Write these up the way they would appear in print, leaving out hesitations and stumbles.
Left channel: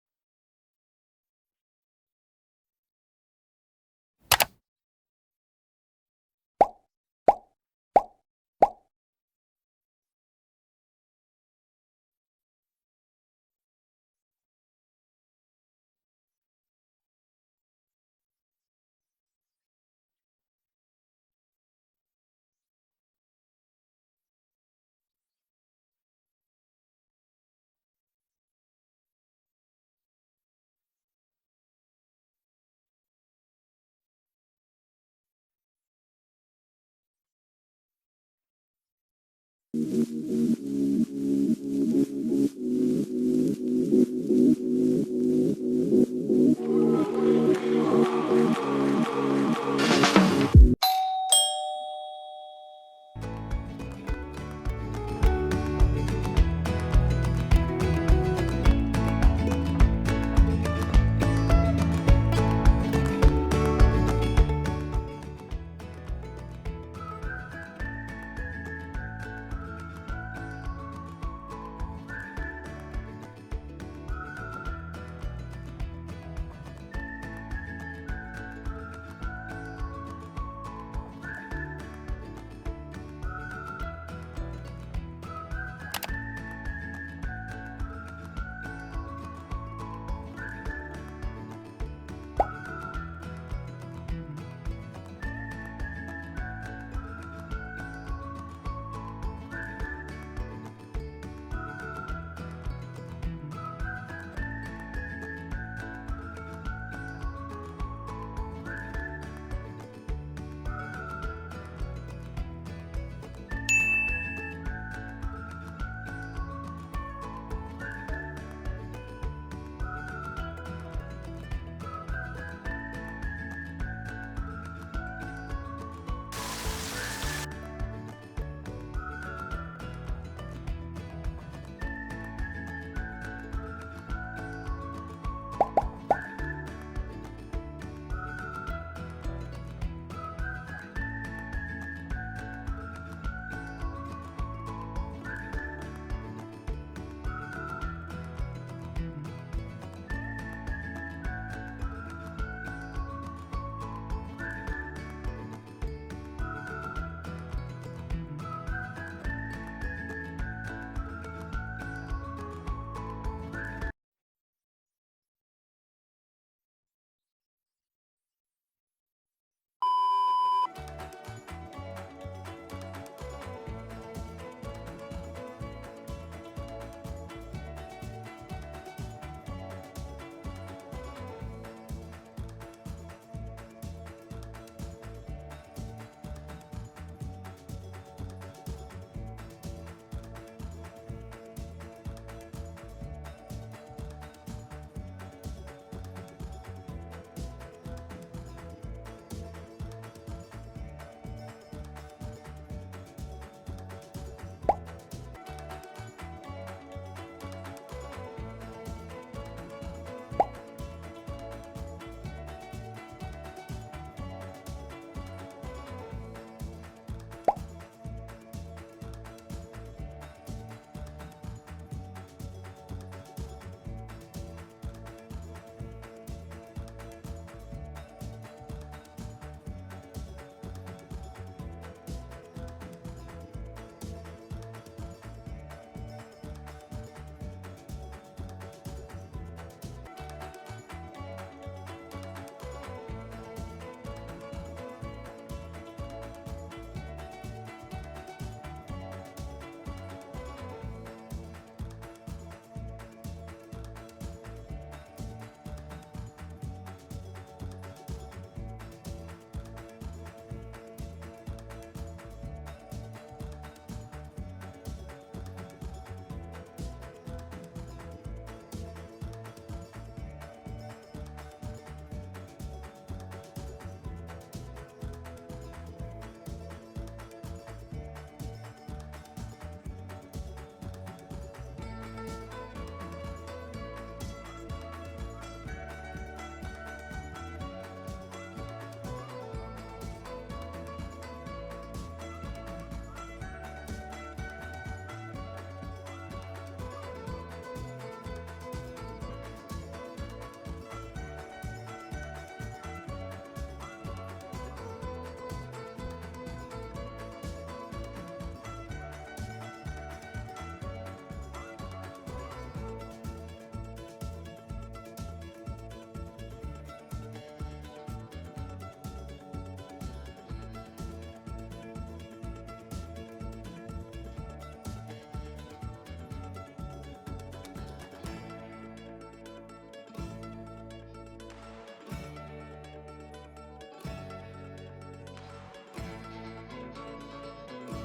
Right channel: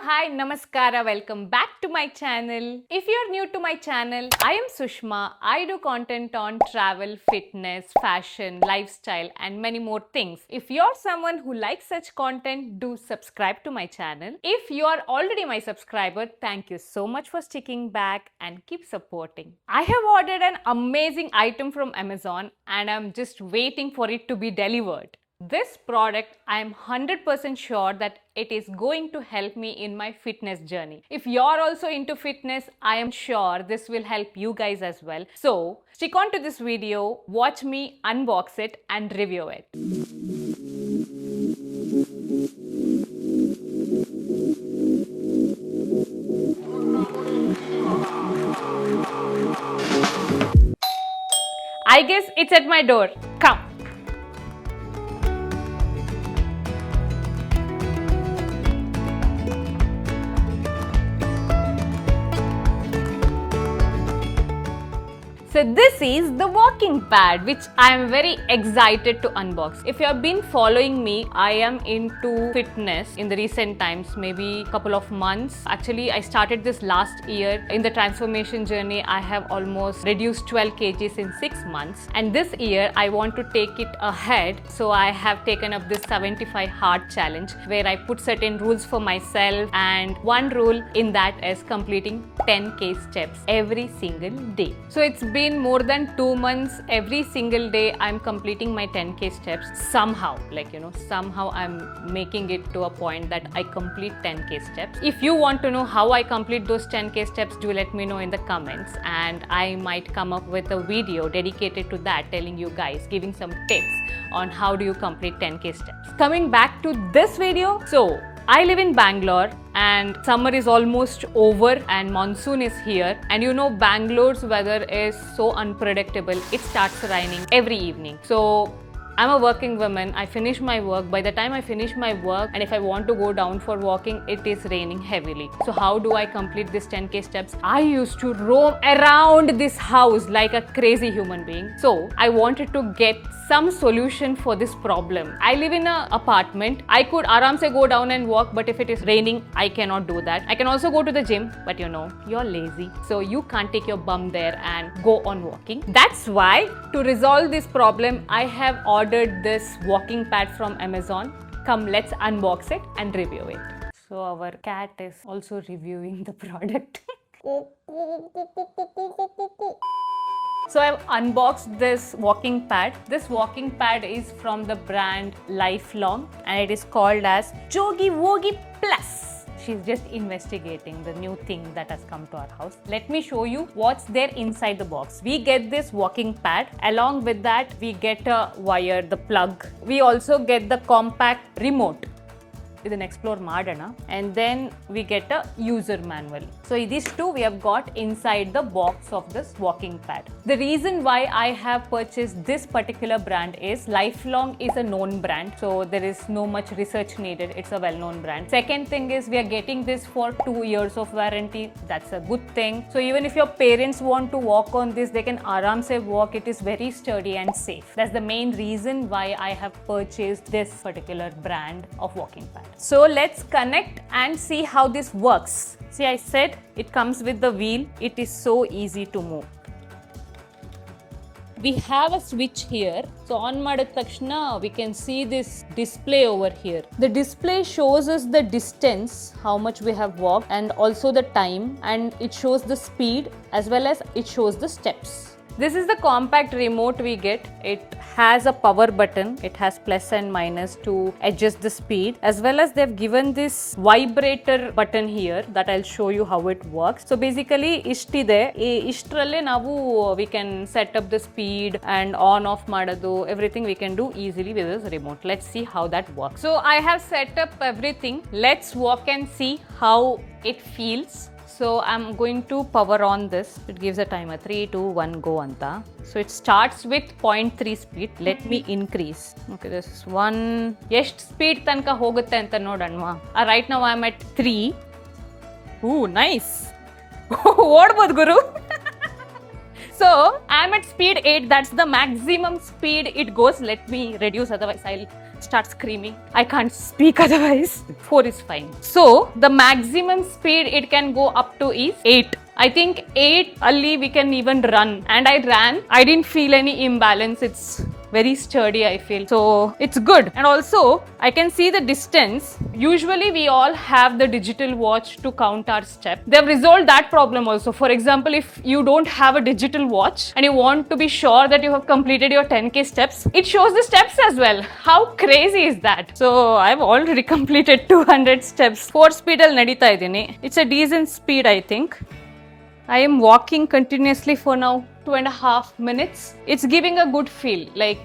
hi, namaskara, welcome back to my channel. If you're new to my channel, I am Sushma. I do content on travel, fitness, fashion, lifestyle and many more things. If you're someone who likes such content, do subscribe to my channel. If you are already my subscriber, thank you so much for sticking back and keep supporting. I have ordered an amazing item from Amazon and I'm just waiting for it to be delivered. This product, I am 100% sure that it is going to help me in my fitness journey. If you're also into fitness, I am sure this will help you guys as well. So, stick on to this video, watch me unbox it and review it. I guess it's at my door. Come. So this is the walking pad which I am very excited to unbox. If you have been following me, I am into fitness in the recent times, maybe a couple of months. Actually, I started this last year. In the transformation journey, I have almost reduced 12 kgs in 6 months. And this year, I want to take it ahead. So I have taken up this 75 hard challenge where I put certain rules for myself. And one rule in that is completing 10k steps every single day. So it's been more than 2 months. Every single day I'm completing my 10k steps somehow, somehow I'm making it to a point that I complete 10k steps. If you want to know how I complete those 10k steps, do let me know in the comments and I might come up with a video dedicated to that, telling you guys, giving some tips on how do you complete 10k steps. Coming back to this video, so I live in Bangalore and summer is almost over and monsoon is here, and you know Bangalore's weather is so unpredictable. It starts raining every evening. So I'm a working woman. I finish my work. By the time I finish my work and if I want to go down for walking, it is raining heavily. So how do I complete this 10k steps? I used to roam around this house like a crazy human being. So I wanted to get some solution for this problem. I live in an apartment. I could aram se go down and walk, but if it is raining, I cannot do that. I can also go to the gym, but you know, you're lazy. So you can't take your bum there and go on walking. That's why to resolve this problem, I have ordered this walking pad from Amazon. Come, let's unbox it and review it. So our cat is also reviewing the product. So I've unboxed this walking pad. This walking pad is from the brand Lifelong and it is called as Jogi Wogi Plus. She's just investigating the new thing that has come to our house. Let me show you what's there inside the box. We get this walking pad. Along with that, we get a wire, the plug. We also get the compact remote. Idhan explore madana, and then we get a user manual. So these two we have got inside the box of this walking pad. The reason why I have purchased this particular brand is Lifelong is a known brand, so there is no much research needed. It's a well-known brand. Second thing is we are getting this for 2 years of warranty. That's a good thing. So even if your parents want to walk on this, they can aram se walk. It is very sturdy and safe. That's the main reason why I have purchased this particular brand of walking pad. So let's connect and see how this works. See, I said it comes with the wheel. It is so easy to move. We have a switch here. So on madid takshana, we can see this display over here. The display shows us the distance, how much we have walked, and also the time, and it shows the speed as well as it shows the steps. This is the compact remote we get. It has a power button. It has plus and minus to adjust the speed, as well as they've given this vibrator button here that I'll show you how it works. So basically, ishtide. Ishtralle navu we can set up the speed and on off madadu. Everything we can do easily with this remote. Let's see how that works. So I have set up everything. Let's walk and see how it feels. So I'm going to power on this. It gives a timer 3, 2, 1, go anta. So it starts with 0.3 speed. Let me increase. Okay, this is 1. ಎಷ್ಟು speed ತನಕ ಹೋಗುತ್ತೆ ಅಂತ ನೋಡೋಣವಾ? Right now I'm at 3. Ooh, nice. ಓಡ್ಬೋದು Guru. So I'm at speed 8. That's the maximum speed it goes. Let me reduce, otherwise I'll start screaming. I can't speak otherwise. 4 is fine. So the maximum speed it can go up to is 8. I think 8 only we can even run. And I ran. I didn't feel any imbalance. It's very sturdy, I feel. So it's good. And also I can see the distance. Usually we all have the digital watch to count our steps. They've resolved that problem also. For example, if you don't have a digital watch and you want to be sure that you have completed your 10k steps, it shows the steps as well. How crazy is that? So I've already completed 200 steps. 4 speed al nadita idini. It's a decent speed, I think. I am walking continuously for now 2.5 minutes. It's giving a good feel. Like,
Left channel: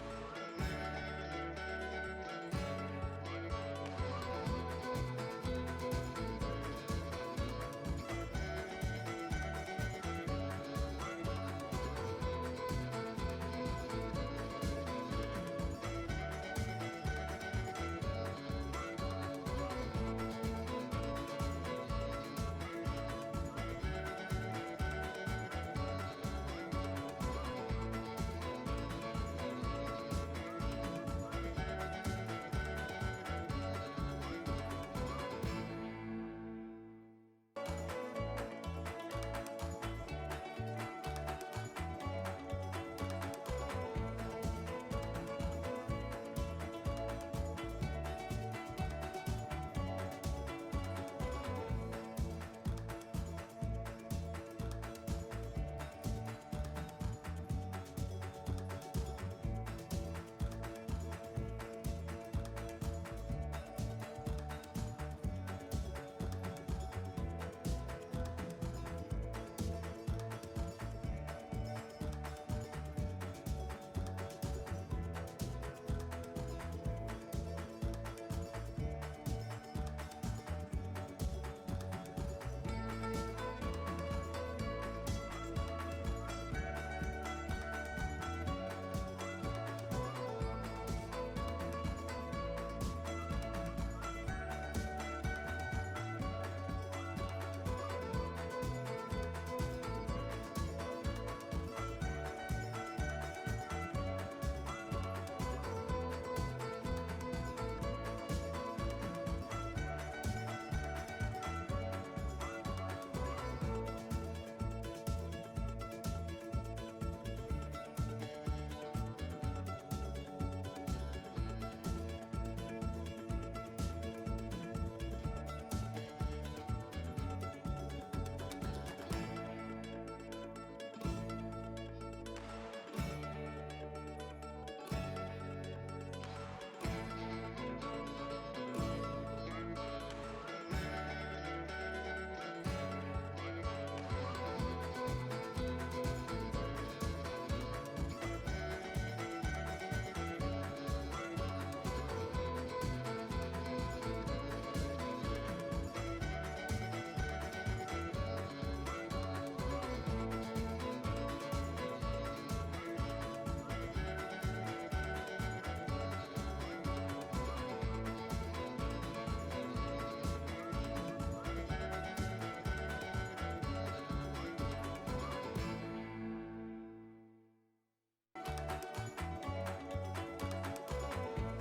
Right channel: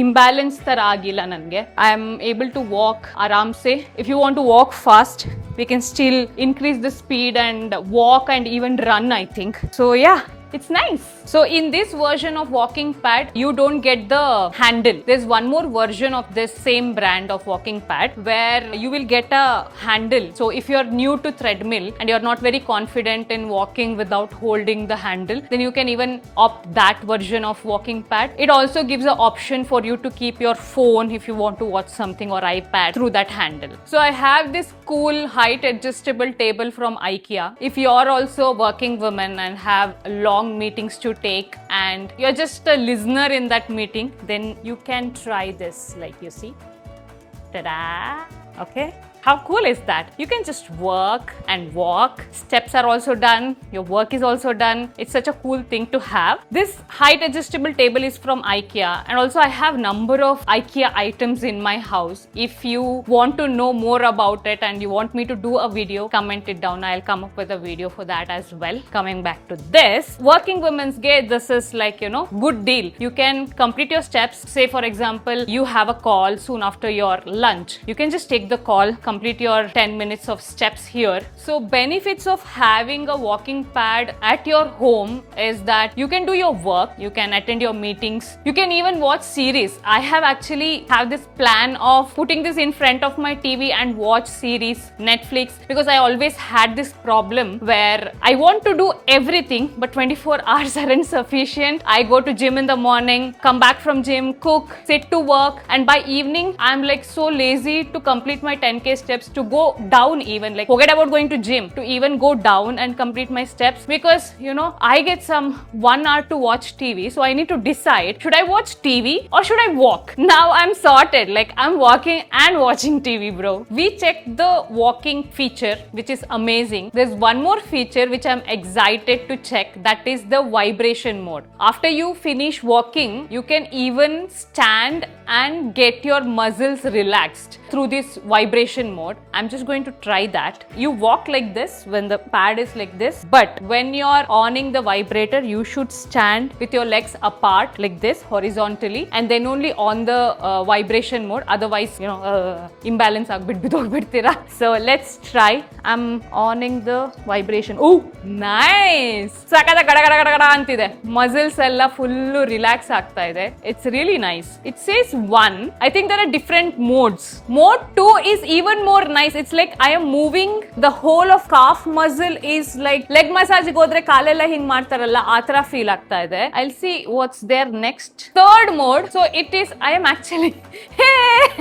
imbalance ತರ ಆಗಿಲ್ಲ ನನಗೆ. I am able to walk ಆರಾಮ್ಸೆ. If you want to walk fast, we can still increase the speed and walk and even run, I think. So yeah. It's nice. So in this version of walking pad, you don't get the handle. There's one more version of this same brand of walking pad where you will get a handle. So if you're new to treadmill and you're not very confident in walking without holding the handle, then you can even opt that version of walking pad. It also gives an option for you to keep your phone if you want to watch something or iPad through that handle. So I have this cool height adjustable table from IKEA. If you're also a working woman and have long meetings to take and you're just a listener in that meeting, then you can try this, like you see. Ta-da! Okay. How cool is that? You can just work and walk. Steps are also done. Your work is also done. It's such a cool thing to have. This height adjustable table is from IKEA, and also I have number of IKEA items in my house. If you want to know more about it and you want me to do a video, comment it down. I'll come up with a video for that as well. Coming back to this, working women's gate, this is like, good deal. You can complete your steps. Say for example, you have a call soon after your lunch. You can just take the call, complete your 10 minutes of steps here. So benefits of having a walking pad at your home is that you can do your work, you can attend your meetings, you can even watch series. I have this plan of putting this in front of my TV and watch series, Netflix, because I always had this problem where I want to do everything but 24 hours aren't sufficient. I go to gym in the morning, come back from gym, cook, sit to work, and by evening I'm like so lazy to complete my 10k steps, to go down even, like forget about going to gym, to even go down and complete my steps, because I get some 1 hour to watch TV. So I need to decide, should I watch TV or should I walk? Now I'm sorted, like I'm walking and watching TV, bro. We checked the walking feature, which is amazing. There's one more feature which I'm excited to check, that is the vibration mode. After you finish walking, you can even stand and get your muscles relaxed through this vibration mode. I'm just going to try that. You walk like this when the pad is like this, but when you're on the vibrator, you should stand with your legs apart like this horizontally, and then only on the vibration mode. Otherwise, imbalance ಆಗ್ಬಿಡ್ತೀರಾ. So let's try. I'm on the vibration. Oh, nice! ಸಾಕಾದ ಗಡ ಗಡ ಗಡ ಗಡ ಅಂತಿದೆ. Muscles ಎಲ್ಲ full relax ಆಗ್ತಾ ಇದೆ. It's really nice. It says 1. I think there are different modes. Mode 2 is even more nice. It's like I am moving the whole of calf muscle, is like leg massage ಗೆ ಹೋದ್ರೆ ಕಾಲೆಲ್ಲ ಹಿಂಗ್ ಮಾಡ್ತಾರಲ್ಲ ಆ ತರ feel ಆಗ್ತಾ ಇದೆ. I'll see what's there next. Third mode. So it is, I am actually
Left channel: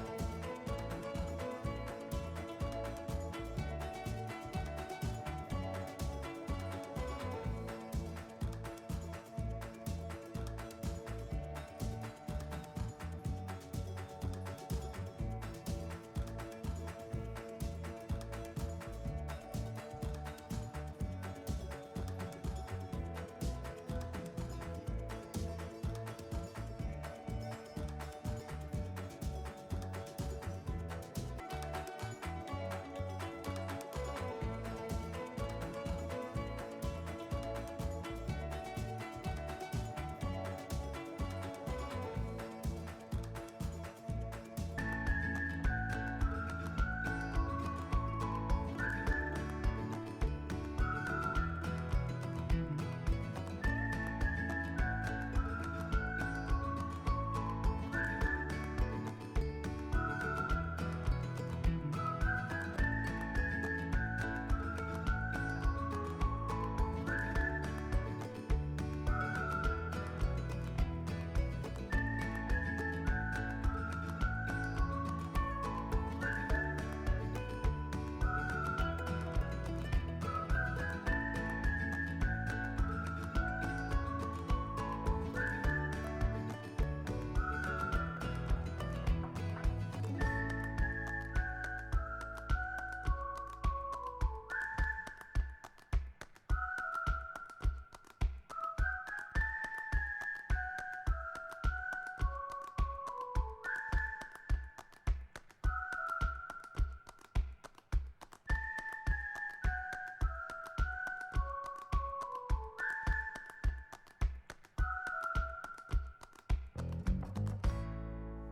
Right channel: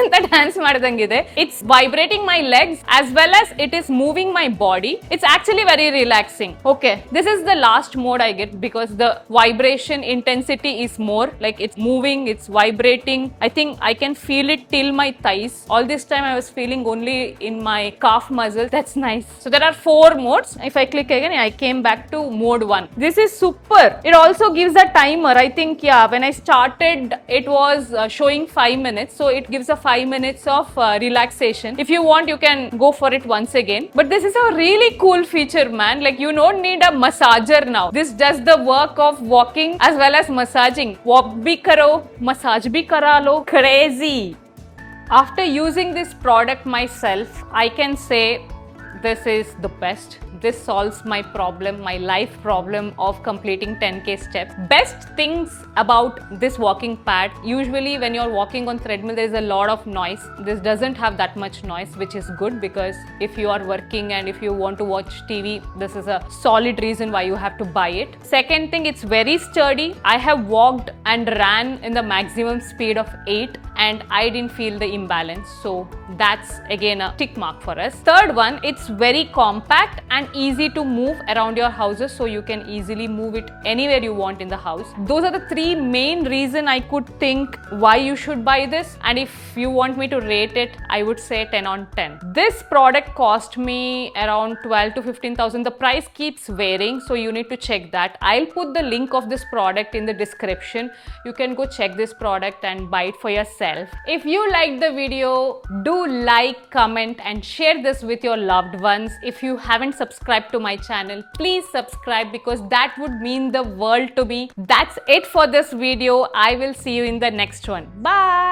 ಅಂತ dance ಮಾಡಿದಂಗಿದೆ. It's vibrating my legs as well as it is moving my body. It's actually very relaxing. Okay, this is the last mode I get because the vibration intensity is more, like it's moving, it's vibrating. I think I can feel it till my thighs. All this time I was feeling only in my calf muscle. That's nice. So there are 4 modes. If I click again, I came back to mode 1. This is super. It also gives a timer. I think, when I started, it was showing 5 minutes. So it gives a 5 minutes of relaxation. If you want, you can go for it once again. But this is a really cool feature, man. Like you don't need a massager now. This does the work of walking as well as massaging. Walk bhi karo, massage bhi kara lo. Crazy. After using this product myself, I can say this is the best. this solves my problem, my life problem of completing 10k steps. Best things about this walking pad, usually when you're walking on treadmill, there is a lot of noise. This doesn't have that much noise, which is good, because if you are working and if you want to watch TV, this is a solid reason why you have to buy it. Second thing, it's very sturdy. I have walked and ran in the maximum speed of 8 and I didn't feel the imbalance. So that's again a tick mark for us. Third one, it's very compact and easy to move around your houses, so you can easily move it anywhere you want in the house. Those are the three main reasons I could think why you should buy this, and if you want me to rate it, I would say 10 on 10. This product cost me around 12 to 15,000. The price keeps varying, so you need to check that. I'll put the link of this product in the description. You can go check this product and buy it for yourself. If you liked the video, do like, comment and share this with your loved ones. If you haven't subscribed to my channel, please subscribe, because that would mean the world to me. That's it for this video. I will see you in the next one. Bye.